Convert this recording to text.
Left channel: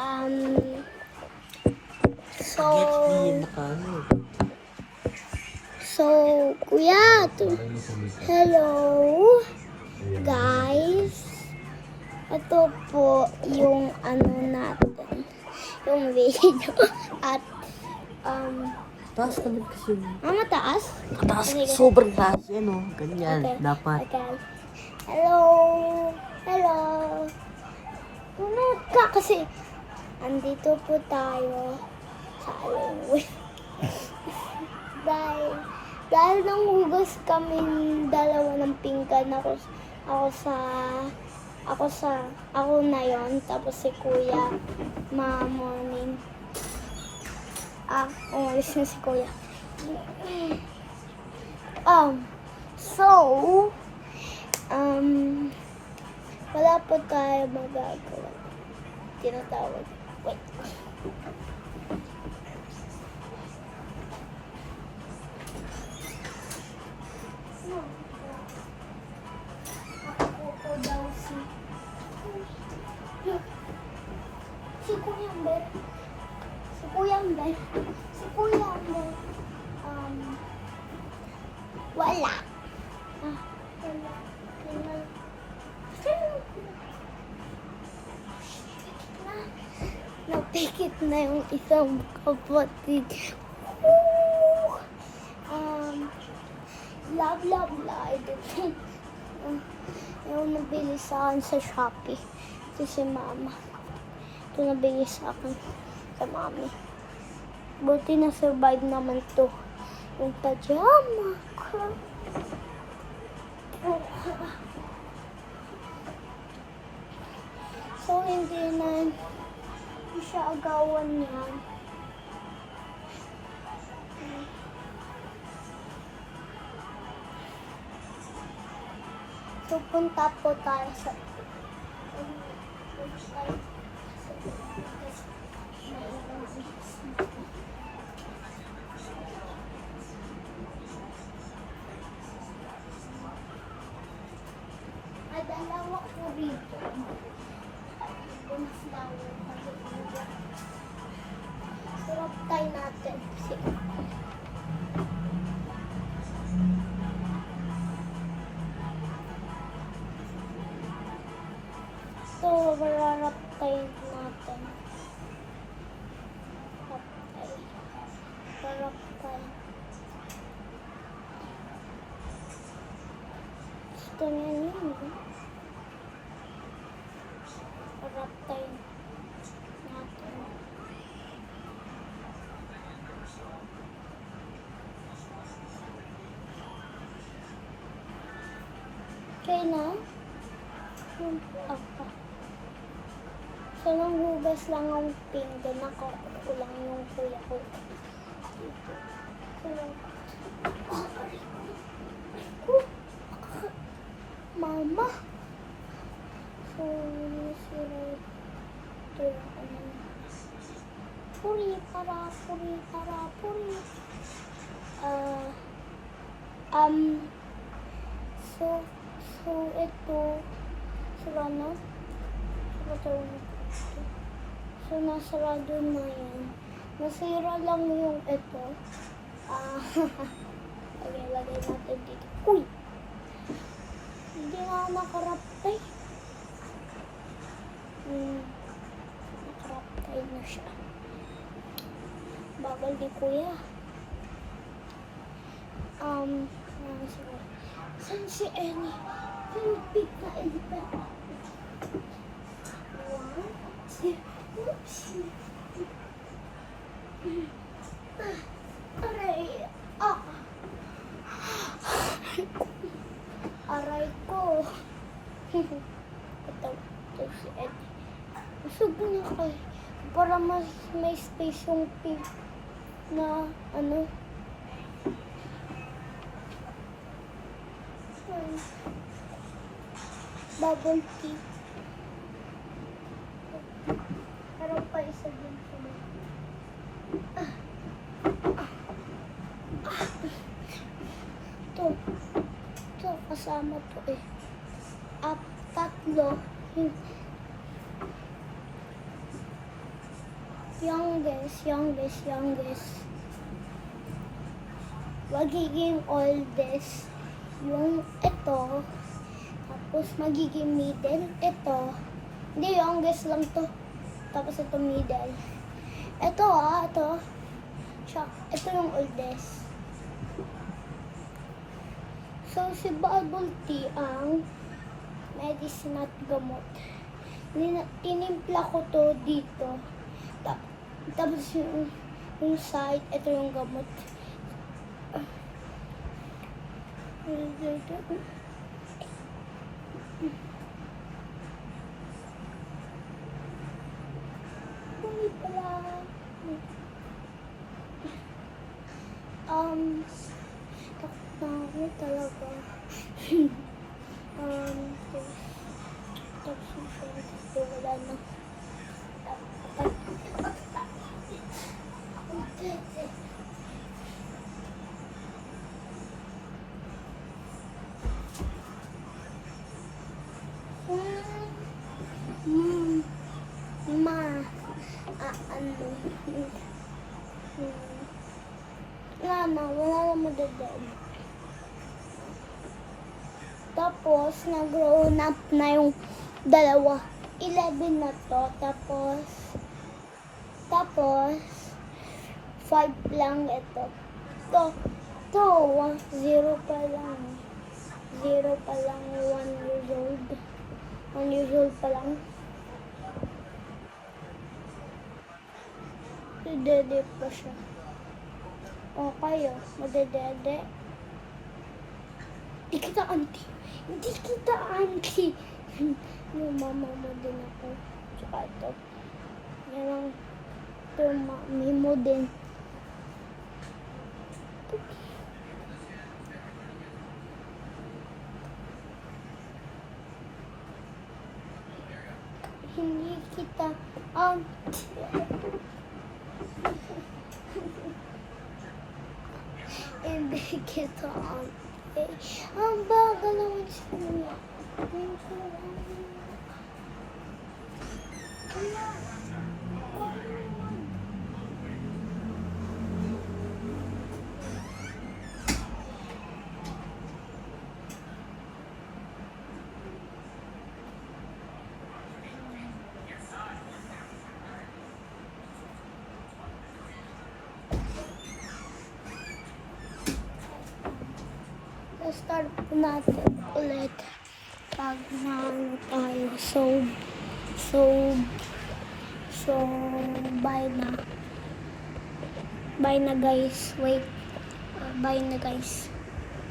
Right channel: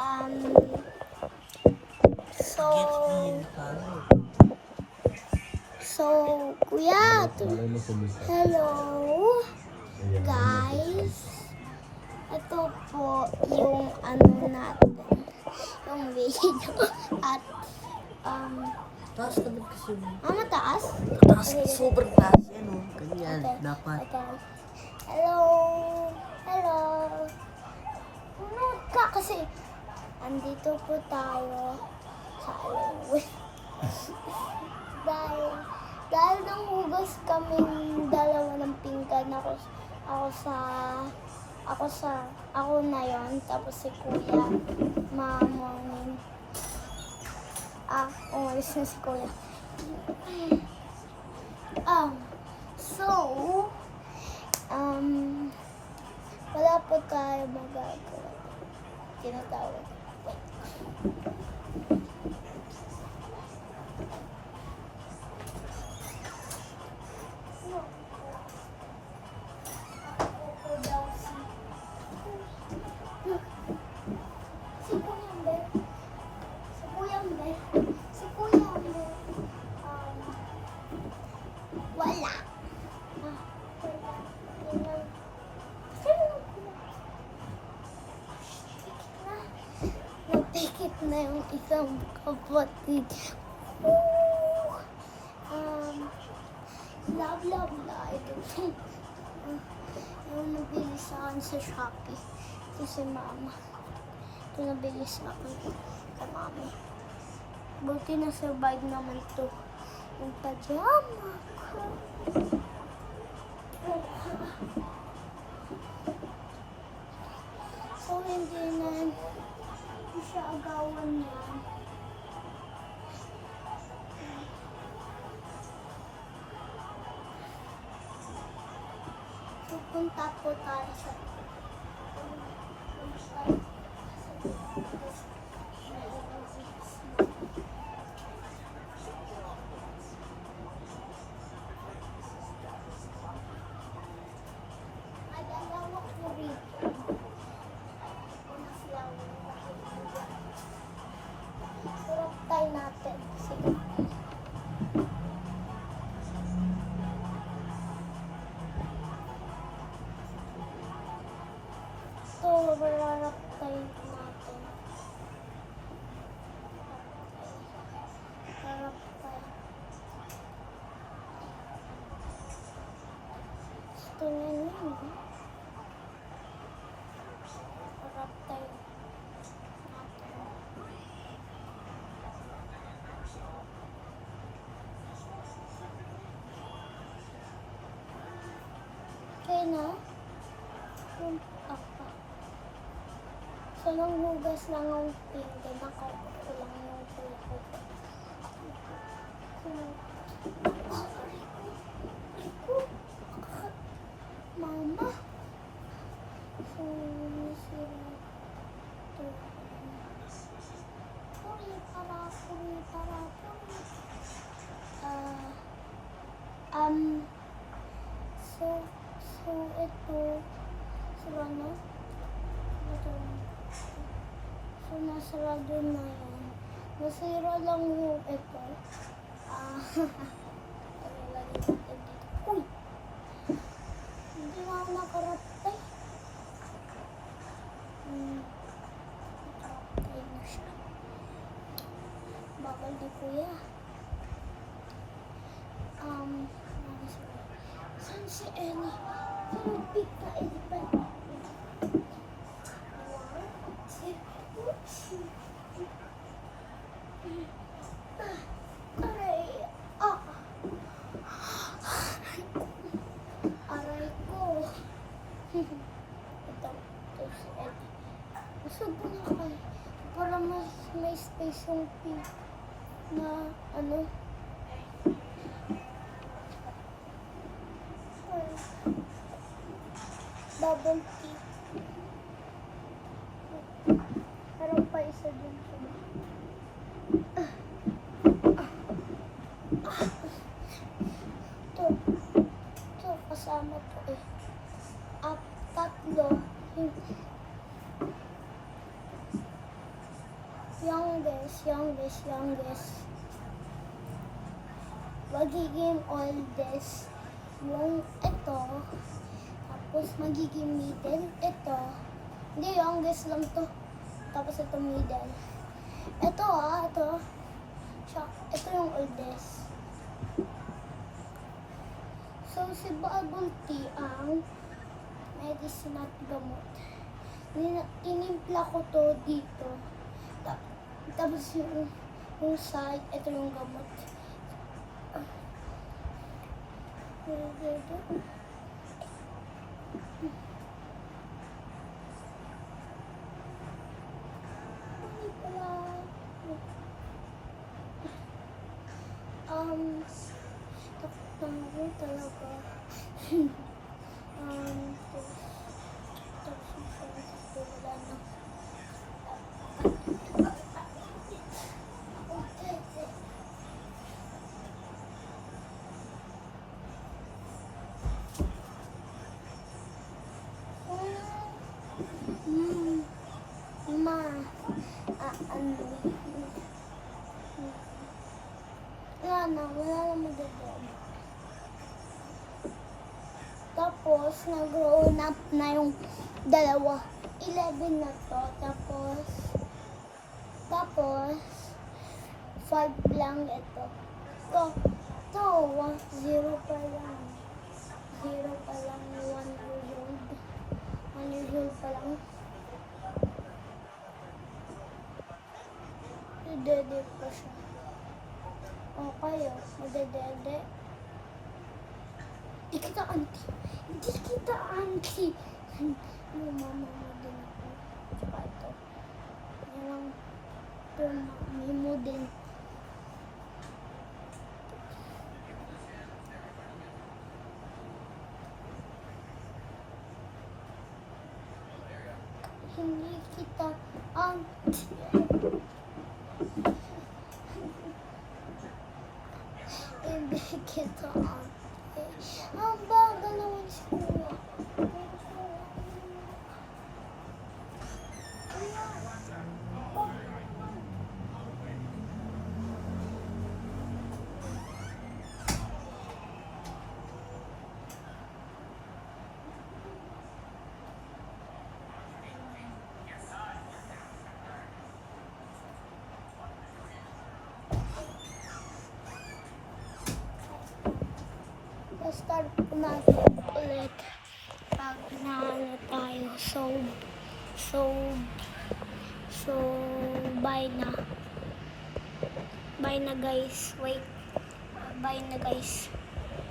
Um, so, kuya, hello, guys. Ito po yung ano natin, yung video. At, Taas naman kasi. mataas? Taas, Okay, sobrang taas yan o. Ganyan, Okay. dapat. Okay. Hello. Hello. Punod ka kasi. Andito po tayo sa Alingwin. dahil nang hugas kaming dalawa ng pinggan, ako na yon, tapos si kuya morning. Umalis na si kuya. So, wala po tayo magagawa. Tinatawag. Wait. No. Ako po daw si Kuya Amber. Si Kuya Amber. Si Kuya Amber. Wala. Wala. Napikit na yung isang kapatid. Love live. Yung nabili sa akin sa Shopee. Ito si mama. Ito nabili sa akin sa mami. Buti na survive naman to. Yung pajama ko. So, hindi siya agawan yan. So, punta po tayo sa ay, dalawa ko rito. Sarap tayo natin. Sige. So, mararap tayo natin. Sarap tayo. Gusto niya yun. Sarap tayo natin. Okay na? Apa. So, nang hugas lang ang pinggan, nakakot lang yung kuya ko. Mama. So, nasira ito yung puri. So, ito, sila na. So, nasarado na yan. Nasira lang yung ito. Okay, lagay natin dito. Uy! Hindi na ako nakaraptay. Nakaraptay na siya. Bagal ni kuya. Saan si Ellie? Pinipig na Ellie pa. Aray ko. Ito si Ellie. Masubo na kayo. Para may space yung pig na ano. Bubble tea. Meron pa isa dito. Ito kasama to eh. Tatlo. youngest. Magiging oldest yung ito. Tapos magiging middle ito. Hindi, youngest lang to. Tapos ito middle. Ito ito. Siya, ito yung oldest. So, si Bubble Tea ang medicine at gamot. Tinimpla ko to dito. Tapos yung side, ito yung gamot. Uy, pala. Takot na ako talaga. Tapos yung wala na. Wala na madadad. Tapos, nag-grown up na yung dalawa. 11 na to. Tapos, 5 lang ito. To, 0 pa lang. 0 pa lang, 1 years old. 1 years old pa lang. Dede pa siya. O kayo, madedede. Hindi kita auntie. May mama mo din ako. Tsaka ito. Yan lang. Ito yung mami mo din. Hindi kita auntie. Hindi kita auntie. Ang bagal naman siya. Start po natin ulit pag naano tayo. So, bye na guys. Wait. Bye na guys.